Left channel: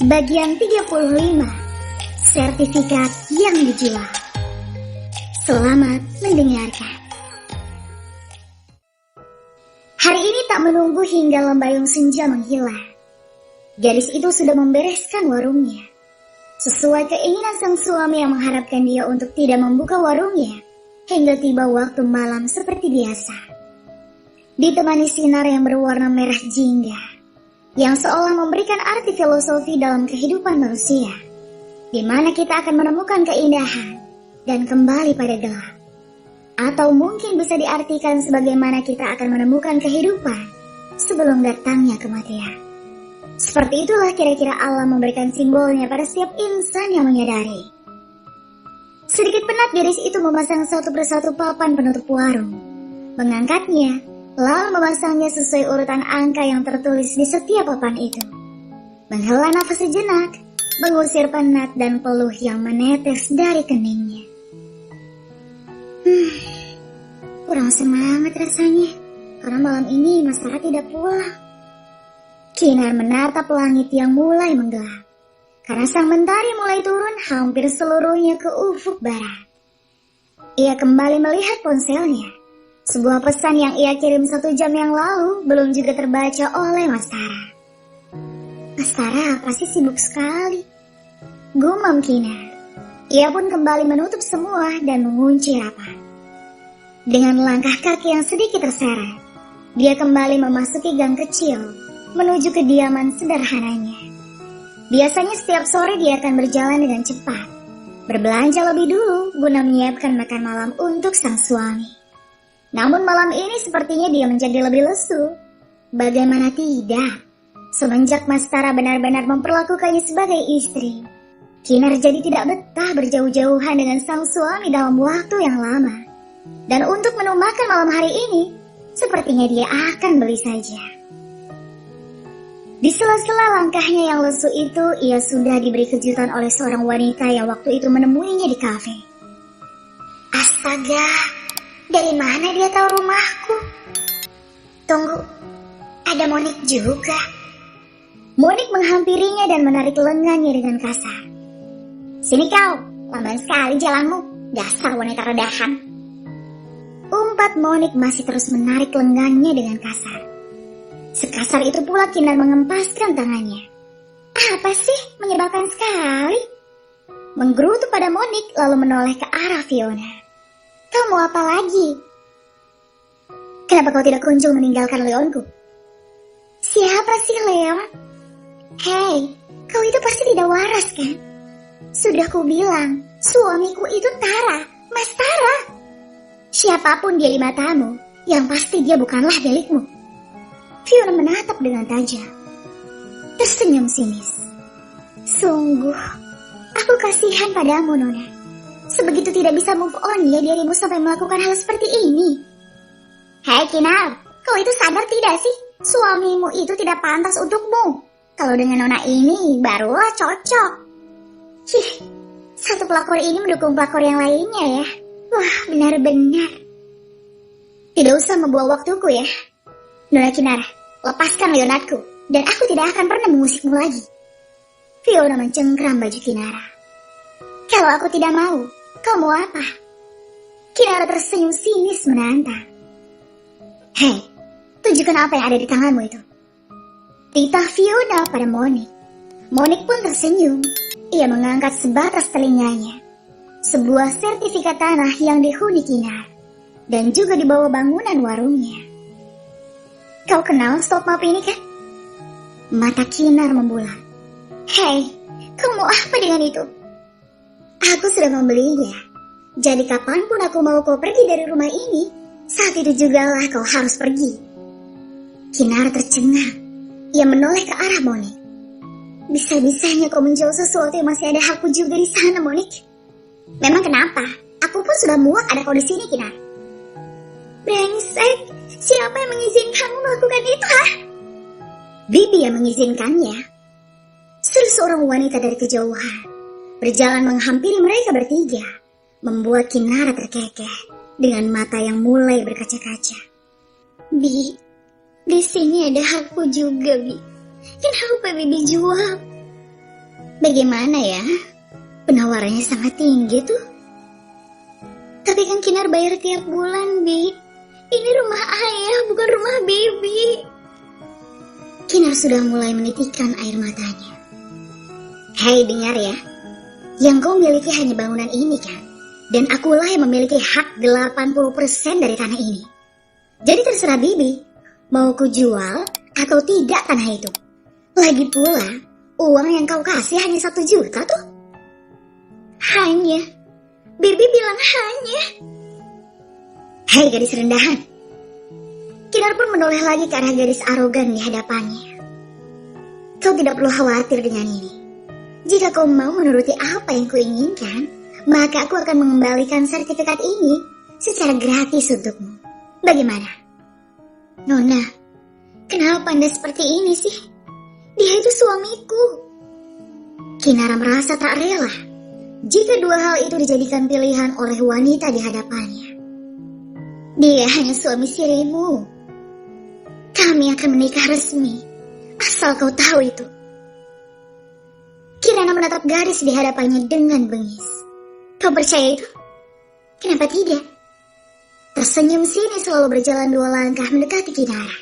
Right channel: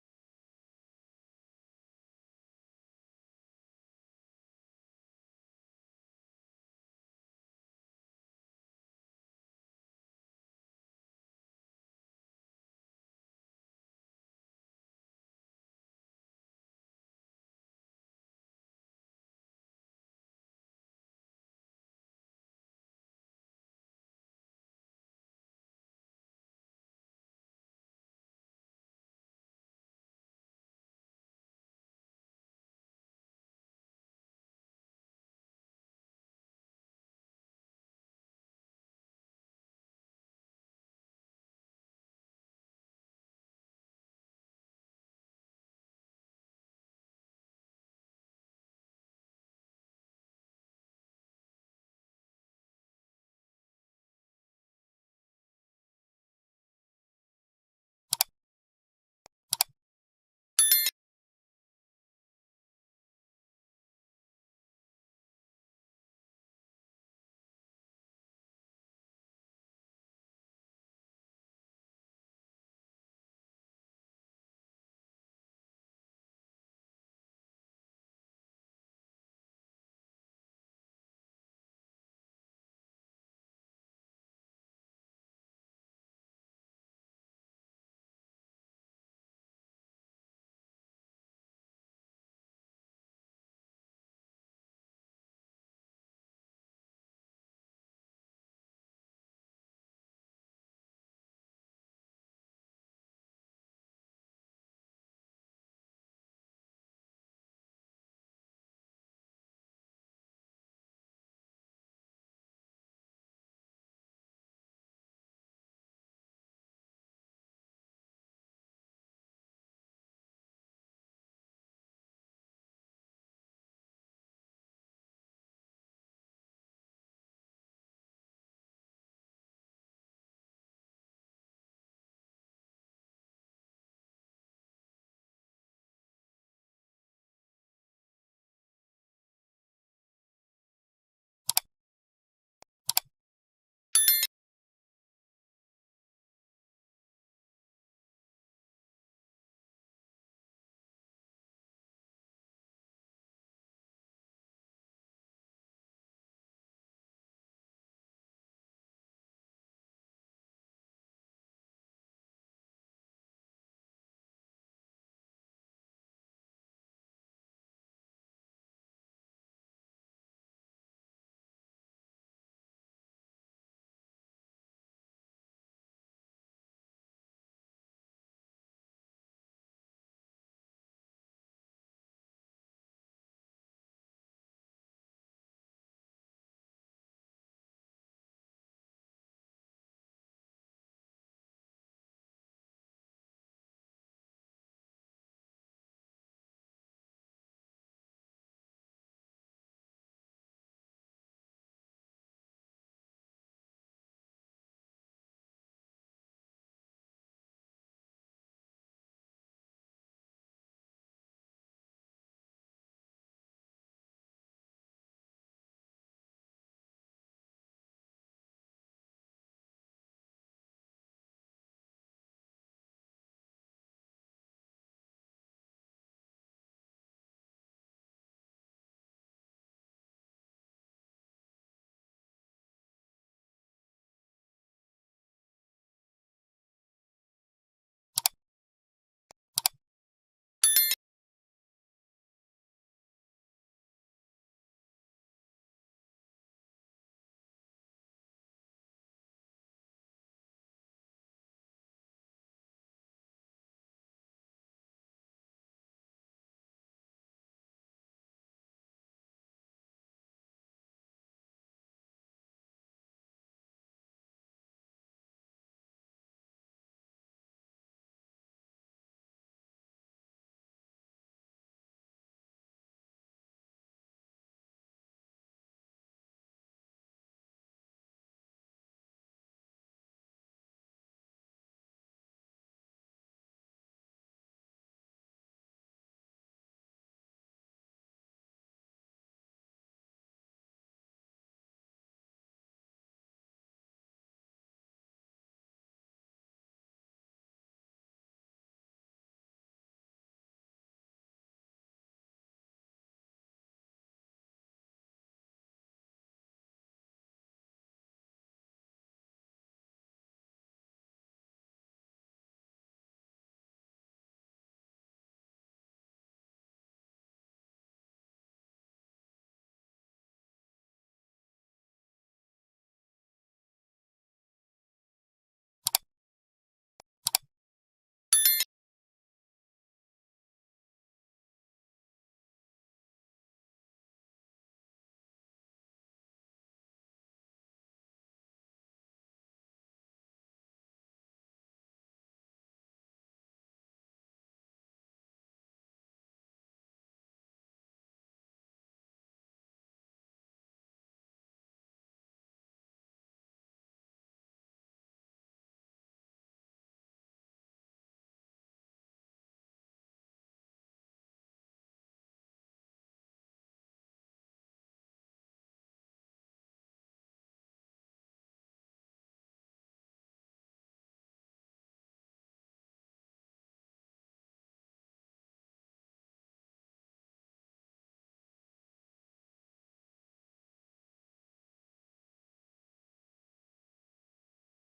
Bagian 35, sertifikat yang dijual. Selamat mendengarkan. Hari ini tak menunggu hingga lembayung senja menghilang. Gadis itu sudah membereskan warungnya. Sesuai keinginan sang suami yang mengharapkan dia untuk tidak membuka warungnya hingga tiba waktu malam seperti biasa. Ditemani sinar yang berwarna merah jingga yang seolah memberikan arti filosofi dalam kehidupan manusia, di mana kita akan menemukan keindahan dan kembali pada gelap. Atau mungkin bisa diartikan sebagaimana kita akan menemukan kehidupan sebelum datangnya kematian. Seperti itulah kira-kira alam memberikan simbolnya pada setiap insan yang menyadari. Sedikit penat gadis itu memasang satu persatu papan penutup warung, mengangkatnya, lalu memasangnya sesuai urutan angka yang tertulis di setiap papan itu. Menghela nafas sejenak, mengusir penat dan peluh yang menetes dari keningnya. Kurang semangat rasanya, karena malam ini Mas Sarah tidak pulang. Kinar menatap langit yang mulai menggelap, karena sang mentari mulai turun hampir seluruhnya ke ufuk barat. Ia kembali melihat ponselnya. Sebuah pesan yang ia kirim 1 jam yang lalu belum juga terbaca oleh Mas Tara. Mas Tara pasti sibuk sekali, gumam Kinar. Ia pun kembali menutup semua dan mengunci rapat. Dengan langkah kaki yang sedikit terseret, dia kembali memasuki gang kecil menuju kediaman sederhananya. Biasanya setiap sore dia akan berjalan dengan cepat, berbelanja lebih dulu guna menyiapkan makan malam untuk sang suami. Namun malam ini sepertinya dia menjadi lebih lesu. Bagaimana tidak? Semenjak Mas Tara benar-benar memperlakukannya sebagai istri, Kinar jadi tidak betah berjauh-jauhan dengan sang suami dalam waktu yang lama. Dan untuk menu makan malam hari ini, sepertinya dia akan beli saja. Di sela-sela langkahnya yang lesu itu, ia sudah diberi kejutan oleh seorang wanita yang waktu itu menemuinya di kafe. Astaga! Dari mana dia tahu rumahku? Tunggu, ada Monik juga. Monik menghampirinya dan menarik lengannya dengan kasar. Sini kau, lamban sekali jalanmu, dasar wanita redahan. Umpat Monik masih terus menarik lengannya dengan kasar. Sekasar itu pula Kinar mengempaskan tangannya. Apa sih, menyebalkan sekali. Menggerutu pada Monik lalu menoleh ke arah Fiona. Kau mau apa lagi? Kenapa kau tidak kunjung meninggalkan Leonku? Siapa sih Leon? Hei, kau itu pasti tidak waras kan? Sudah kubilang, suamiku itu Tara, Mas Tara. Siapapun dia di matamu, yang pasti dia bukanlah milikmu. Fiona menatap dengan tajam, tersenyum sinis. Sungguh, aku kasihan padamu Nona. Sebegitu tidak bisa move on ya dirimu sampai melakukan hal seperti ini. Hei Kinar, kau itu sadar tidak sih? Suamimu itu tidak pantas untukmu. Kalau dengan Nona ini barulah cocok. Satu pelakor ini mendukung pelakor yang lainnya ya. Wah, benar-benar. Tidak usah membuang waktuku ya. Nona Kinar, lepaskan Leonardku dan aku tidak akan pernah mengusikmu lagi. Fiona mencengkram baju Kinara. Kalau aku tidak mau, kau mau apa? Kinara tersenyum sinis menantang. Hei, tunjukkan apa yang ada di tanganmu itu. Titah Fiona pada Monik. Monik pun tersenyum. Ia mengangkat sebatas telinganya. Sebuah sertifikat tanah yang dihuni Kinar. Dan juga di bawah bangunan warungnya. Kau kenal stop map ini kan? Mata Kinar membulat. Hei, kau mau apa dengan itu? Aku sudah membelinya. Jadi kapanpun aku mau kau pergi dari rumah ini, saat itu jugalah kau harus pergi. Kinar tercengang. Ia menoleh ke arah Monik. Bisa-bisanya kau menjual sesuatu yang masih ada hakku juga di sana, Monik. Memang kenapa? Aku pun sudah muak ada kau di sini, Kinar. Brengsek, siapa yang mengizinkanmu melakukan itu, ha? Bibi yang mengizinkannya. Suruh seorang wanita dari kejauhan berjalan menghampiri mereka bertiga, membuat Kinara terkekeh dengan mata yang mulai berkaca-kaca. Di sini ada hakku juga, Bi. Kenapa Bibi jual? Bagaimana ya? Penawarannya sangat tinggi tuh. Tapi kan Kinar bayar tiap bulan, Bi. Ini rumah ayah, bukan rumah Bibi. Kinar sudah mulai menitikkan air matanya. Hei, dengar ya. Yang kau miliki hanya bangunan ini kan? Dan akulah yang memiliki hak 80% dari tanah ini. Jadi terserah Bibi, mau ku jual atau tidak tanah itu. Lagi pula, uang yang kau kasih hanya 1 juta tuh. Hanya. Bibi bilang hanya. Hei gadis rendahan. Kinar pun menoleh lagi ke arah gadis arogan di hadapannya. Kau tidak perlu khawatir dengan ini. Jika kau mau menuruti apa yang kuinginkan, maka aku akan mengembalikan sertifikat ini secara gratis untukmu. Bagaimana? Nona, kenapa Anda seperti ini sih? Dia itu suamiku. Kinara merasa tak rela jika dua hal itu dijadikan pilihan oleh wanita di hadapannya. Dia hanya suami sirimu. Kami akan menikah resmi, asal kau tahu itu. Kirana menatap garis di hadapannya dengan bengis. Kau percaya itu? Kenapa tidak? Tersenyum sini selalu berjalan 2 langkah mendekati Kinara.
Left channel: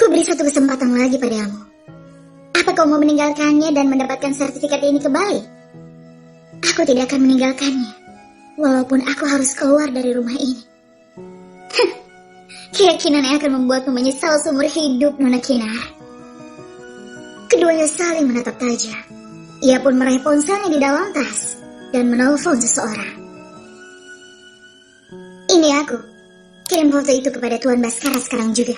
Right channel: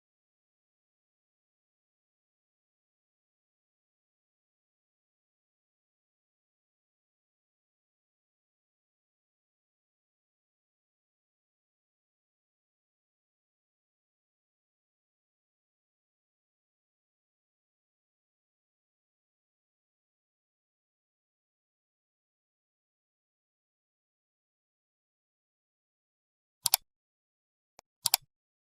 Ku beri 1 kesempatan lagi padamu. Apa kau mau meninggalkannya dan mendapatkan sertifikat ini kembali? Aku tidak akan meninggalkannya, walaupun aku harus keluar dari rumah ini. Keyakinan yang akan membuatmu menyesal seumur hidup, Nona Kinara. Keduanya saling menatap tajam. Ia pun meraih ponselnya di dalam tas dan menelpon seseorang. Ini aku. Kirim foto itu kepada Tuan Baskara sekarang juga.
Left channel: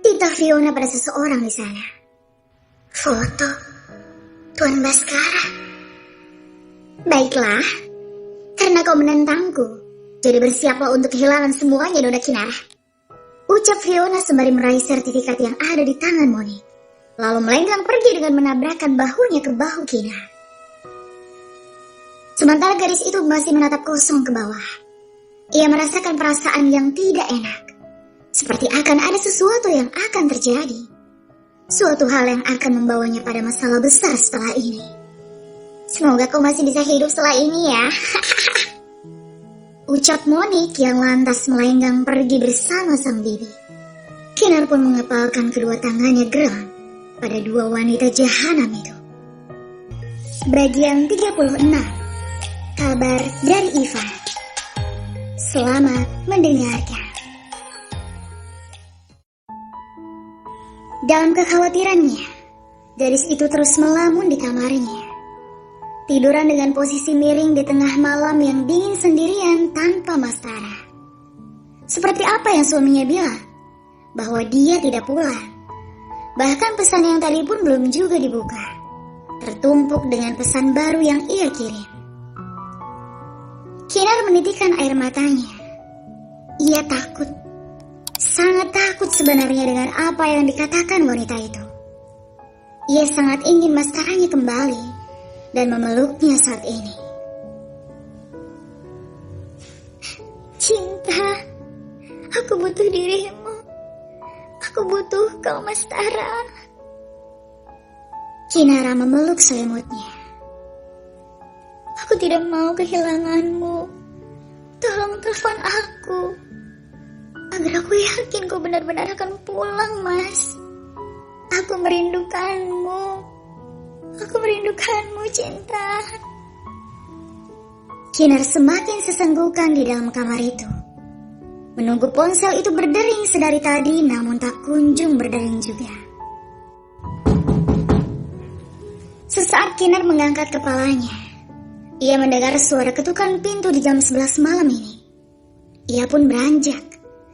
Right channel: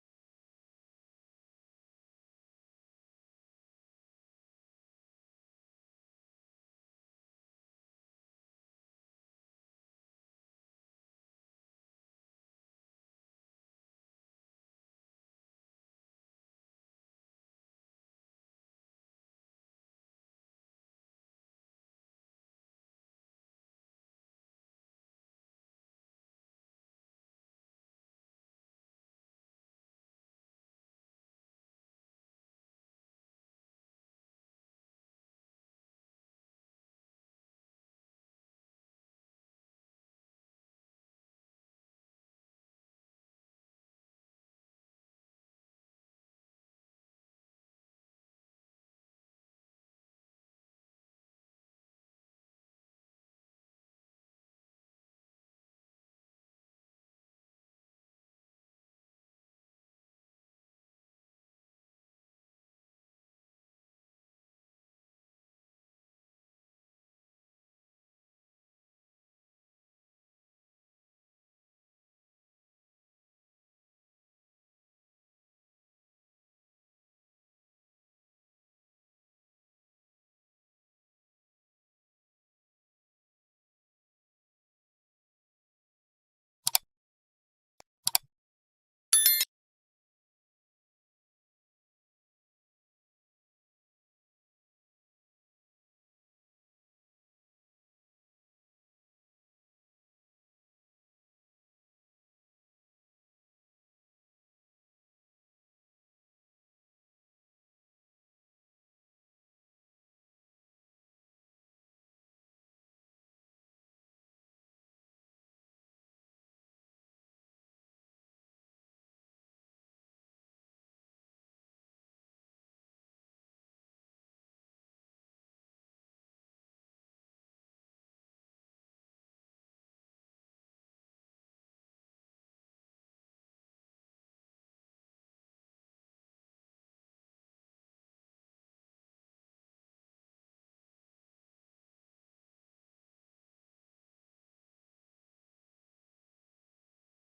Titah Fiona pada seseorang di sana. Foto Tuan Baskara. Baiklah, karena kau menentangku, jadi bersiaplah untuk kehilangan semuanya, Nona Kinara. Ucap Fiona sembari meraih sertifikat yang ada di tangan Monique. Lalu melenggang pergi dengan menabrakkan bahunya ke bahu Kinar. Sementara gadis itu masih menatap kosong ke bawah. Ia merasakan perasaan yang tidak enak. Seperti akan ada sesuatu yang akan terjadi. Suatu hal yang akan membawanya pada masalah besar setelah ini. Semoga kau masih bisa hidup setelah ini ya. Ucap Monique yang lantas melenggang pergi bersama sang bibi. Kinar pun mengepalkan kedua tangannya geram pada 2 wanita jahanam itu. Bagian 36. Kabar dari Iva. Selamat mendengarkan. Dalam kekhawatirannya, gadis itu terus melamun di kamarnya. Tiduran dengan posisi miring di tengah malam yang dingin sendirian tanpa Mastara. Seperti apa yang suaminya bilang, bahwa dia tidak pulang. Bahkan pesan yang tadi pun belum juga dibuka. Tertumpuk dengan pesan baru yang ia kirim. Kinar menitikkan air matanya. Ia takut. Sangat takut sebenarnya dengan apa yang dikatakan wanita itu. Ia sangat ingin Mastaranya kembali dan memeluknya saat ini. Cinta, aku butuh dirimu. Aku butuh kau, Mastara. Kinara memeluk selimutnya. Aku tidak mau kehilanganmu. Tolong telepon aku. Agar aku yakin kau benar-benar akan pulang, Mas. Aku merindukanmu. Aku merindukanmu, cinta. Kinar semakin sesenggukan di dalam kamar itu. Menunggu ponsel itu berdering sedari tadi, namun tak kunjung berdering juga. Sesaat Kinar mengangkat kepalanya. Ia mendengar suara ketukan pintu di jam 11 malam ini. Ia pun beranjak,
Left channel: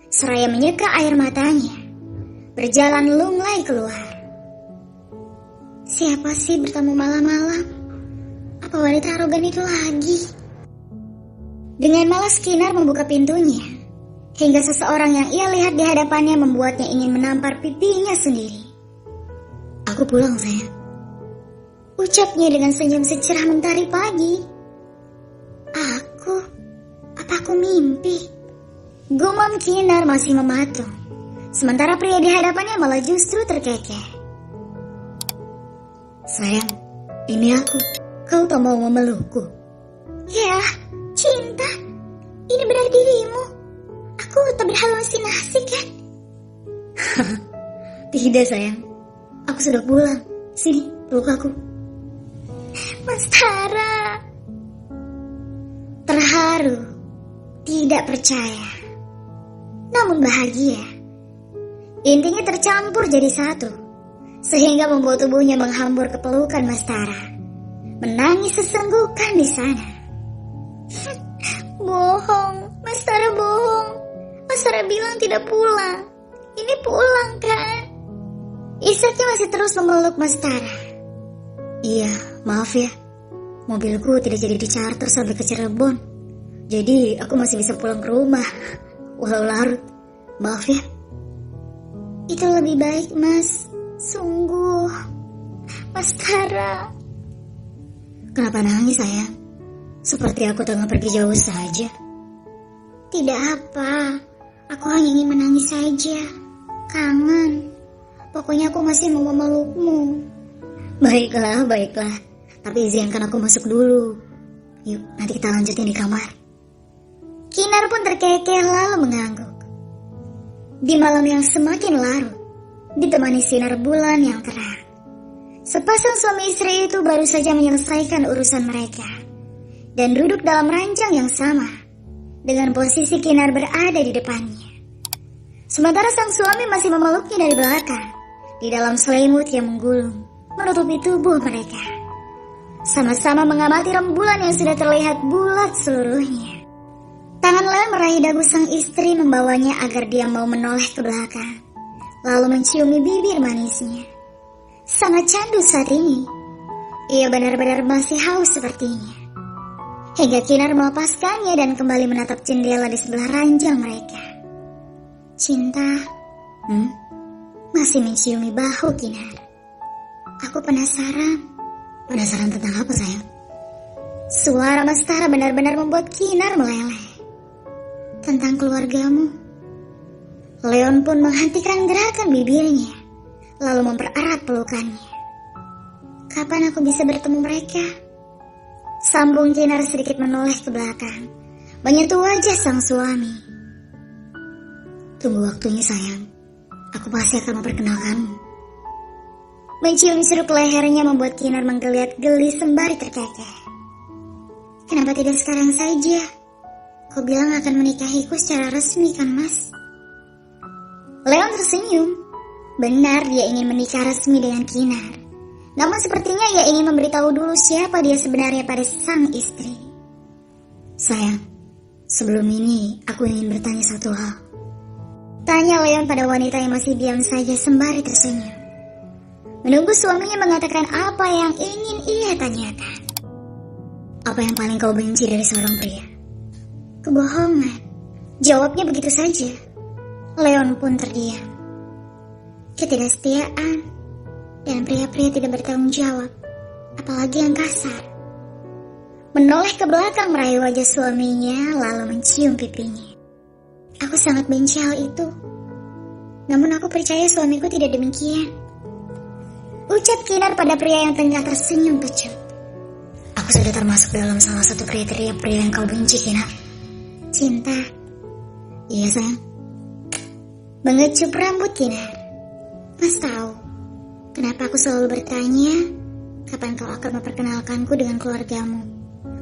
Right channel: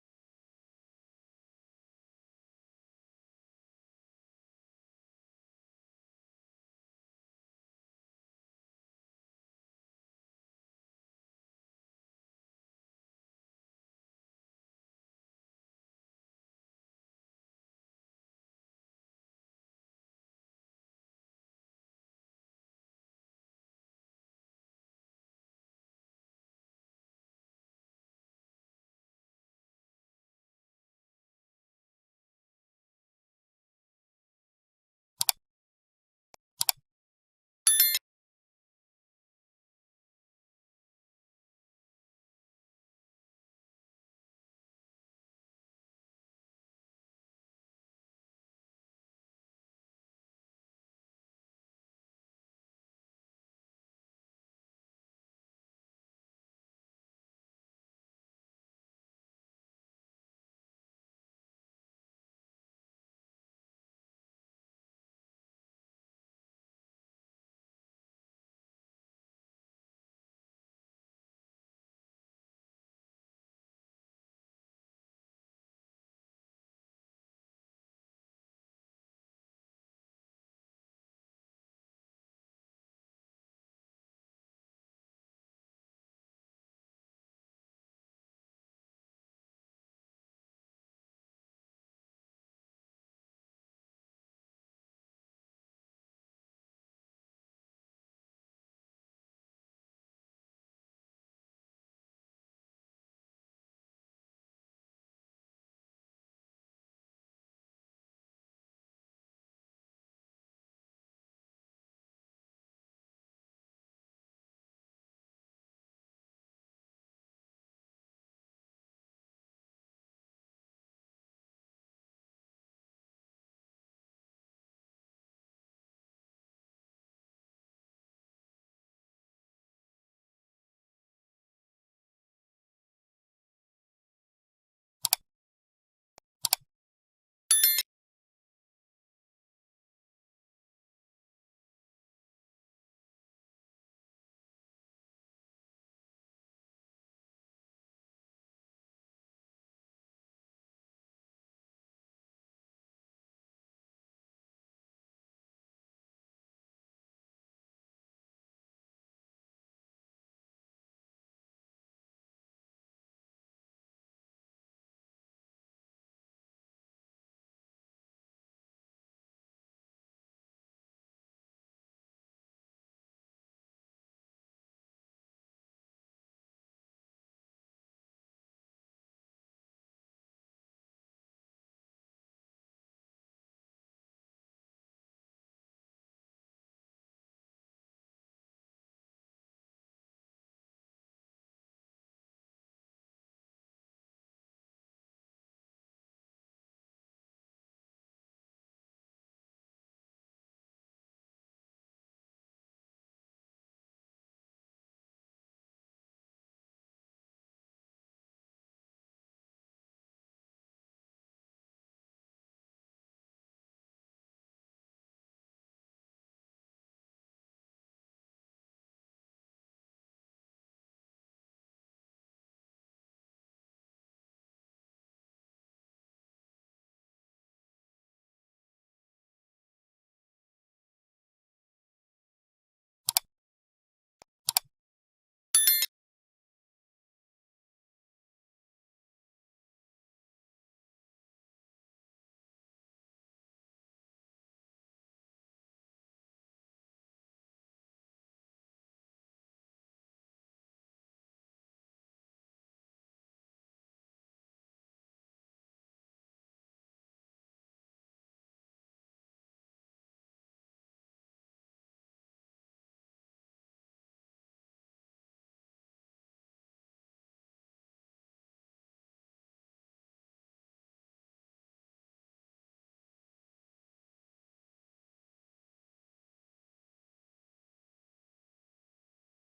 seraya menyeka air matanya. Berjalan lunglai keluar. Siapa sih bertamu malam-malam? Apa wanita arogan itu lagi? Dengan malas Kinar membuka pintunya. Hingga seseorang yang ia lihat di hadapannya membuatnya ingin menampar pipinya sendiri. Aku pulang, sayang. Ucapnya dengan senyum secerah mentari pagi. Apa aku mimpi? Gumam Kinar masih mematung. Sementara pria di hadapannya malah justru terkekeh. Sayang, ini aku. Kau tak mau memelukku? Ya, cinta. Ini benar dirimu. Aku tak berhalusinasi kan? Tidak sayang, aku sudah pulang. Sini, peluk aku. Mas Tara. Terharu, tidak percaya, namun bahagia. Intinya tercampur jadi satu, sehingga membuat tubuhnya menghambur ke pelukan Mas Tara. Menangis sesenggukan di sana. Bohong, Mas Tara bohong. Mas Tara bilang tidak pulang. Ini pulang kan? Isaknya masih terus memeluk Mas Tara. Iya, maaf ya. Mobilku tidak jadi dicarter sampai ke Cirebon. Jadi aku masih bisa pulang ke rumah. Walau larut. Maaf ya. Itu lebih baik, Mas. Sungguh. Mas Tara. Kenapa nangis sayang? Seperti aku tengah pergi jauh saja. Tidak apa. Aku hanya ingin menangis saja. Kangen. Pokoknya aku masih mau memelukmu. Baiklah, baiklah. Tapi izinkan aku masuk dulu. Yuk, nanti kita lanjutin di kamar. Kinar pun terkekeh lalu mengangguk. Di malam yang semakin larut, ditemani sinar bulan yang terang, sepasang suami istri itu baru saja menyelesaikan urusan mereka dan duduk dalam ranjang yang sama dengan posisi Kinar berada di depannya. Sementara sang suami masih memeluknya dari belakang di dalam selimut yang menggulung menutupi tubuh mereka. Sama-sama mengamati rembulan yang sudah terlihat bulat seluruhnya. Tangan Leon meraih dagu sang istri membawanya agar dia mau menoleh ke belakang, lalu menciumi bibir manisnya. Sangat candu saat ini. Ia benar-benar masih haus sepertinya. Hingga Kinar melepaskannya dan kembali menatap jendela di sebelah ranjang mereka. Cinta. Masih menciumi bahu Kinar. Aku penasaran. Penasaran tentang apa sayang? Suara Mas Tara benar-benar membuat Kinar meleleh. Tentang keluargamu. Leon pun menghentikan gerakan bibirnya, lalu mempererat pelukannya. Kapan aku bisa bertemu mereka? Sambung Kinar sedikit menoleh ke belakang, menyentuh wajah sang suami. Tunggu waktunya sayang, aku pasti akan memperkenalkanmu. Mencium seruk lehernya membuat Kinar menggeliat geli sembari terkekeh. Kenapa tidak sekarang saja? Kau bilang akan menikahiku secara resmi kan, Mas? Leon tersenyum. Benar dia ingin menikah resmi dengan Kinar. Namun sepertinya ia ingin memberitahu dulu siapa dia sebenarnya pada sang istri. Sayang, sebelum ini aku ingin bertanya satu hal. Tanya Leon pada wanita yang masih diam saja sembari tersenyum. Menunggu suaminya mengatakan apa yang ingin ia tanyakan. Apa yang paling kau benci dari seorang pria? Kebohongan. Jawabnya begitu saja. Leon pun terdiam. Ketidaksetiaan. Dan pria-pria tidak bertanggung jawab. Apalagi yang kasar. Menoleh ke belakang meraih wajah suaminya lalu mencium pipinya. Aku sangat benci hal itu. Namun aku percaya suamiku tidak demikian. Ucap Kinar pada pria yang tengah tersenyum kecut. Aku sudah termasuk dalam salah satu kriteria pria yang kau benci, Kinar. Cinta. Iya sayang. Mengecup rambut Kinar. Mas tahu kenapa aku selalu bertanya kapan kau akan memperkenalkanku dengan keluargamu?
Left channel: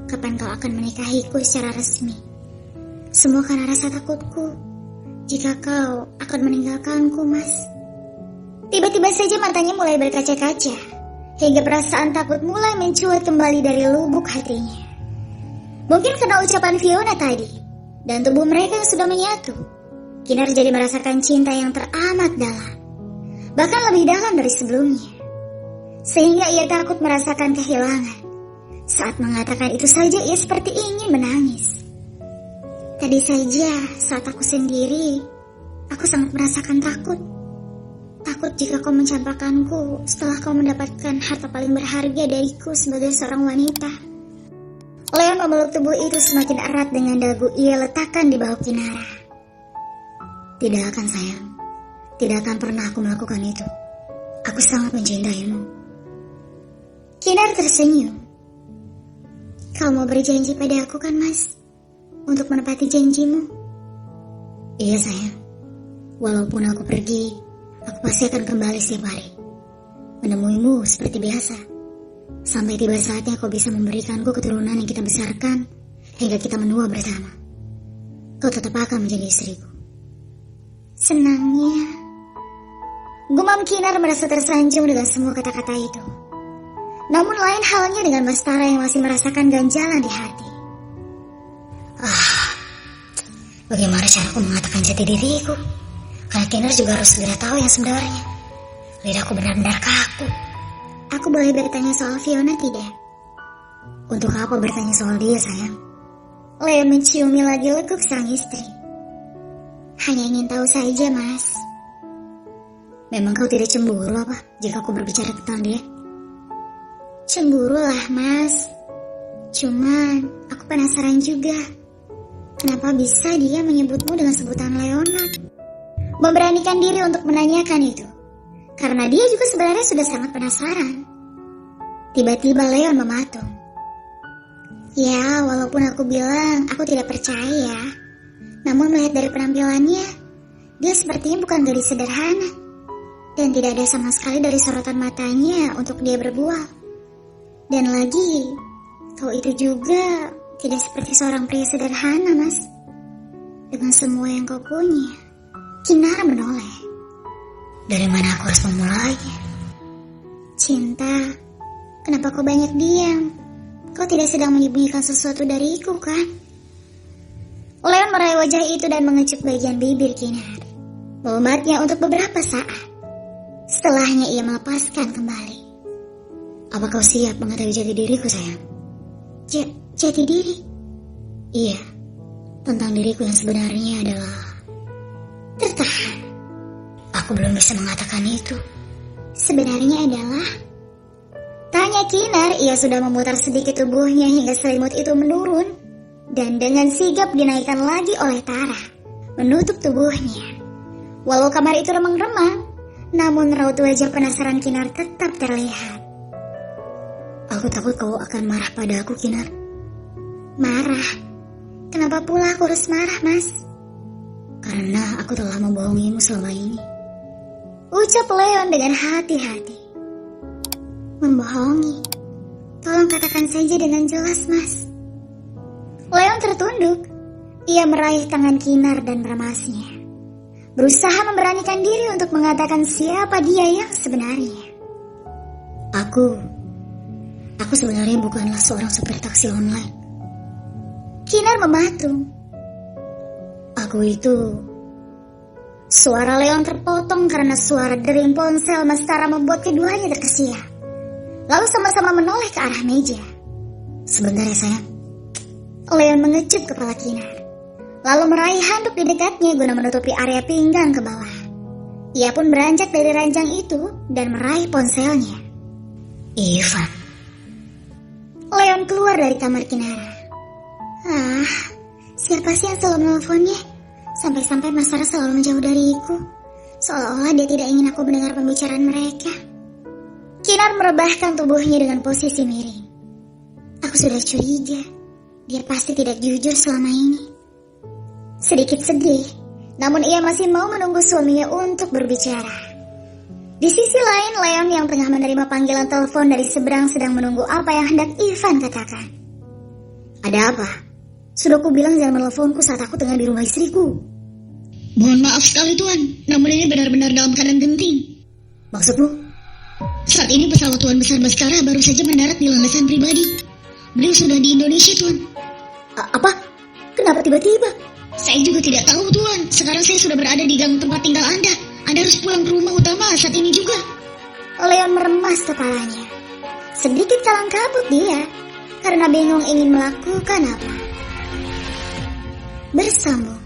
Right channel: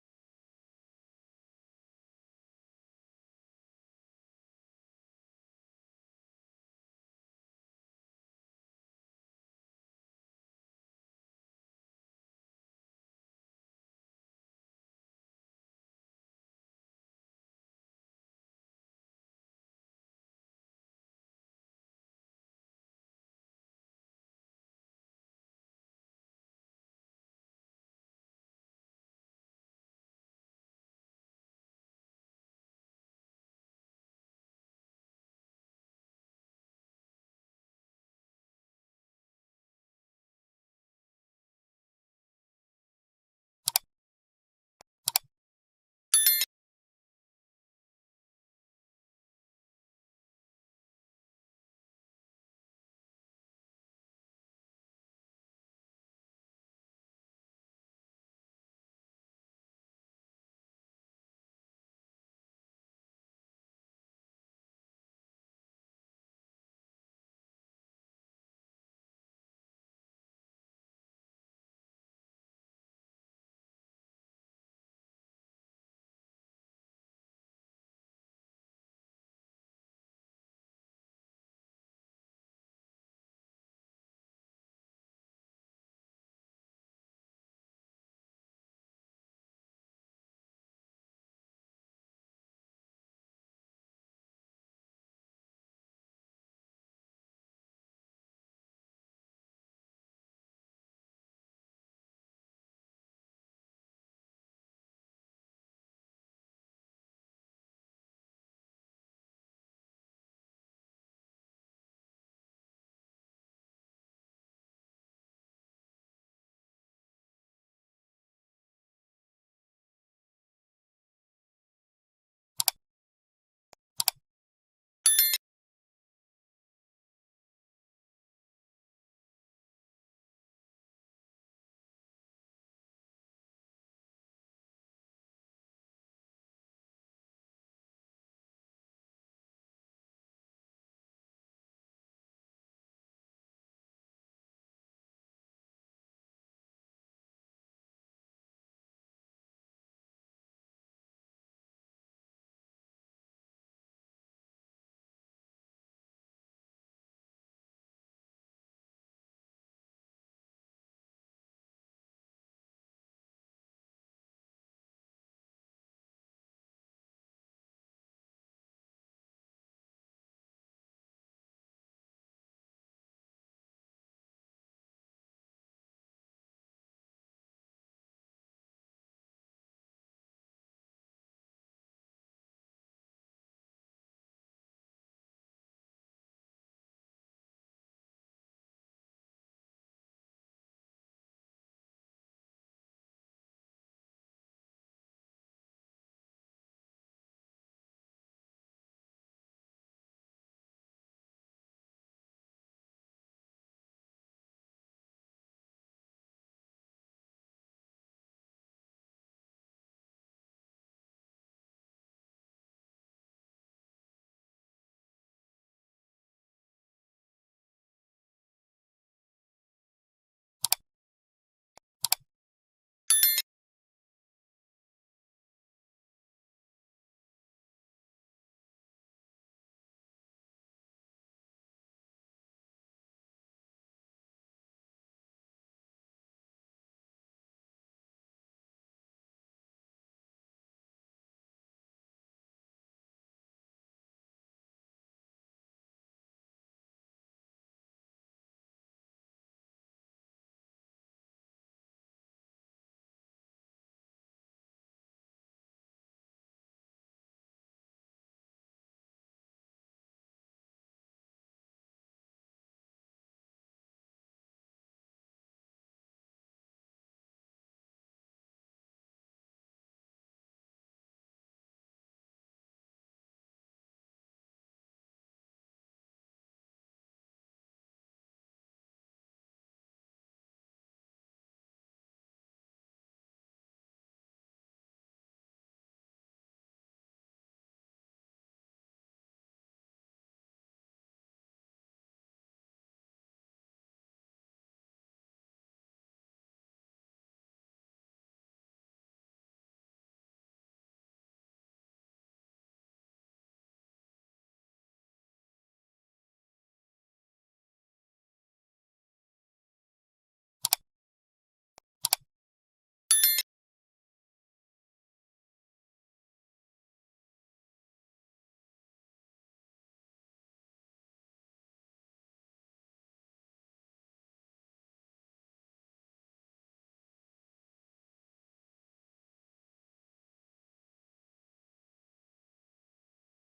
Kapan kau akan menikahiku secara resmi? Semua karena rasa takutku jika kau akan meninggalkanku, Mas. Tiba-tiba saja matanya mulai berkaca-kaca, hingga perasaan takut mulai mencuat kembali dari lubuk hatinya. Mungkin karena ucapan Fiona tadi, dan tubuh mereka yang sudah menyatu, Kinar jadi merasakan cinta yang teramat dalam, bahkan lebih dalam dari sebelumnya. Sehingga ia takut merasakan kehilangan. Saat mengatakan itu saja ia seperti ingin menangis. Tadi saja saat aku sendiri, aku sangat merasakan takut. Takut jika kau mencampakkanku setelah kau mendapatkan harta paling berharga dariku sebagai seorang wanita. Leon memeluk tubuh itu semakin erat dengan dagu ia letakkan di bahu Kinara. Tidak akan sayang, tidak akan pernah aku melakukan itu. Aku sangat mencintaimu. Kinar tersenyum. Kau mau berjanji pada aku kan, Mas? Untuk menepati janjimu? Iya sayang. Walaupun aku pergi, aku pasti akan kembali setiap hari. Menemuimu seperti biasa. Sampai tiba saatnya kau bisa memberikanku keturunan yang kita besarkan hingga kita menua bersama. Kau tetap akan menjadi istriku. Senangnya. Gumam Kinar merasa tersanjung dengan semua kata-kata itu. Namun lain halnya dengan Mas Tara yang masih merasakan ganjalan di hati. Bagaimana caraku mengatakan jati diriku? Karena Kinar juga harus segera tahu yang sebenarnya. Lidahku benar-benar kaku. Aku boleh bertanya soal Fiona tidak? Untuk apa bertanya soal dia, sayang? Leon menciumi lagi lekuk sang istri. Hanya ingin tahu saja, Mas. Memang kau tidak cemburu apa jika aku berbicara tentang dia? Cemburu lah, Mas. Cuman aku penasaran juga. Kenapa bisa dia menyebutmu dengan sebutan Leonard? Memberanikan diri untuk menanyakan itu. Karena dia juga sebenarnya sudah sangat penasaran. Tiba-tiba Leon mematung. Ya, walaupun aku bilang aku tidak percaya. Namun melihat dari penampilannya, dia sepertinya bukan gadis sederhana. Dan tidak ada sama sekali dari sorotan matanya untuk dia berbual. Dan lagi, kau itu juga tidak seperti seorang pria sederhana, Mas. Dengan semua yang kau punya. Kinar menoleh. Dari mana aku harus memulainya? Cinta, kenapa kau banyak diam? Kau tidak sedang menyembunyikan sesuatu dariku, kan? Leon meraih wajah itu dan mengecup bagian bibir Kinar. Memematnya untuk beberapa saat. Setelahnya ia melepaskan kembali. Apa kau siap mengetahui jati diriku, sayang? Jati diri? Iya, tentang diriku yang sebenarnya adalah... Tertahan. Aku belum bisa mengatakan itu. Sebenarnya adalah... Tanya Kinar, ia sudah memutar sedikit tubuhnya hingga selimut itu menurun. Dan dengan sigap dinaikkan lagi oleh Tara. Menutup tubuhnya. Walau kamar itu remang-remang, namun raut wajah penasaran Kinar tetap terlihat. Aku takut kau akan marah pada aku, Kinar. Marah? Kenapa pula aku harus marah, Mas? Karena aku telah membohongimu selama ini. Ucap Leon dengan hati-hati. Membohongi? Tolong katakan saja dengan jelas, Mas. Leon tertunduk. Ia meraih tangan Kinar dan meremasnya. Berusaha memberanikan diri untuk mengatakan siapa dia yang sebenarnya. Aku sebenarnya bukanlah seorang supir taksi online. Kinar mematung. Aku itu... Suara Leon terpotong karena suara dering ponsel Mas Tara membuat keduanya terkesiap. Lalu sama-sama menoleh ke arah meja. Sebentar ya, sayang. Leon mengecup kepala Kinar. Lalu meraih handuk di dekatnya guna menutupi area pinggang ke bawah. Ia pun beranjak dari ranjang itu dan meraih ponselnya. Ivan. Leon keluar dari kamar Kinara. Siapa sih yang selalu menelponnya? Sampai-sampai Mas Tara selalu menjauh dariku. Seolah-olah dia tidak ingin aku mendengar pembicaraan mereka. Kinar merebahkan tubuhnya dengan posisi miring. Aku sudah curiga. Dia pasti tidak jujur selama ini. Sedikit sedih, namun ia masih mau menunggu suaminya untuk berbicara. Di sisi lain, Leon yang tengah menerima panggilan telepon dari seberang sedang menunggu apa yang hendak Ivan katakan. Ada apa? Sudah ku bilang jangan menelponku saat aku tengah di rumah istriku. Mohon maaf sekali Tuan, namun ini benar-benar dalam keadaan genting. Maksudmu? Saat ini pesawat Tuan Besar Baskara baru saja mendarat di landasan pribadi. Beliau sudah di Indonesia, Tuan. Apa? Kenapa tiba-tiba? Saya juga tidak tahu, Tuan. Sekarang saya sudah berada di gang tempat tinggal Anda. Anda harus pulang ke rumah utama saat ini juga. Leon meremas kepalanya. Sedikit kalang kabut dia, karena bingung ingin melakukan apa. Bersambung.